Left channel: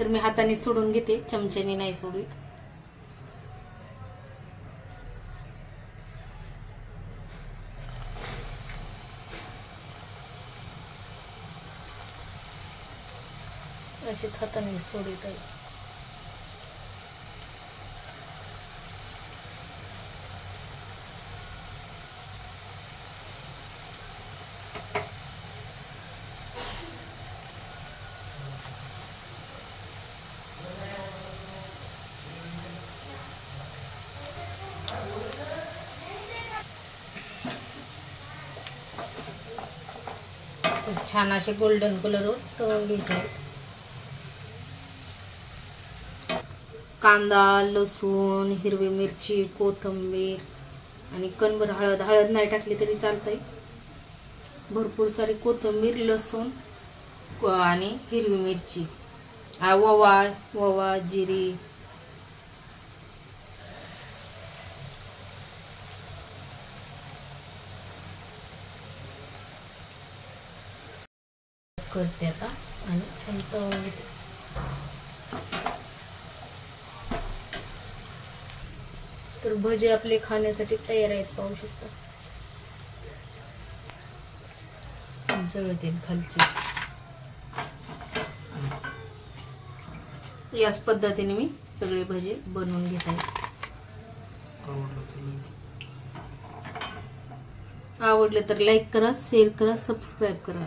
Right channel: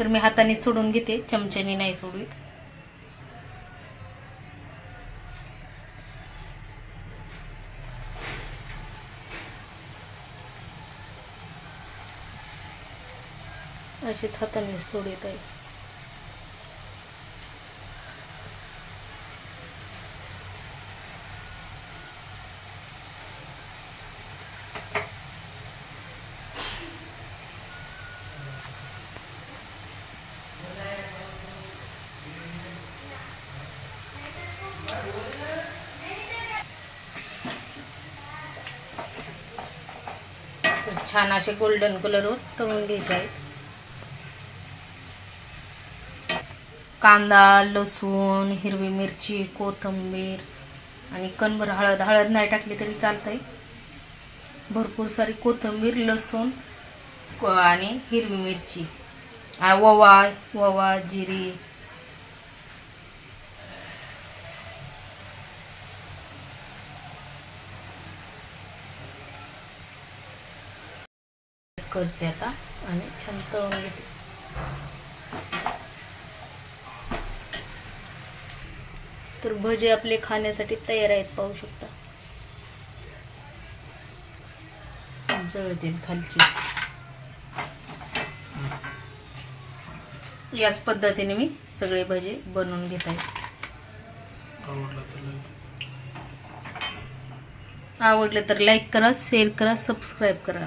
तर मी हाताने सोडून घेते, चमच्याने नाही सोडवीत. अशीच हाताने सोडत आहे. छान असे गोल्डन कलरवर तळून घ्यायचे आहेत. कांदा, लसूण, हिरवी मिरची, कोथिंबीर आणि कणभर हळद. हळद नाही टाकली तरी चालतंय. भरपूर सारी कोथिंबीर, लसूण आणि हिरवी मिरची, ओवा, जिरी. करते आता आणि छान तळून घेते. तर भजी आपले खाण्यासाठी तयार आहेत, पाहू शकता. जळतील खालची. याच पद्धतीने मी सगळे भजी बनवून घेत आहे. आवडलं तर लाईक करा, शेअर करा, सबस्क्राईब करा.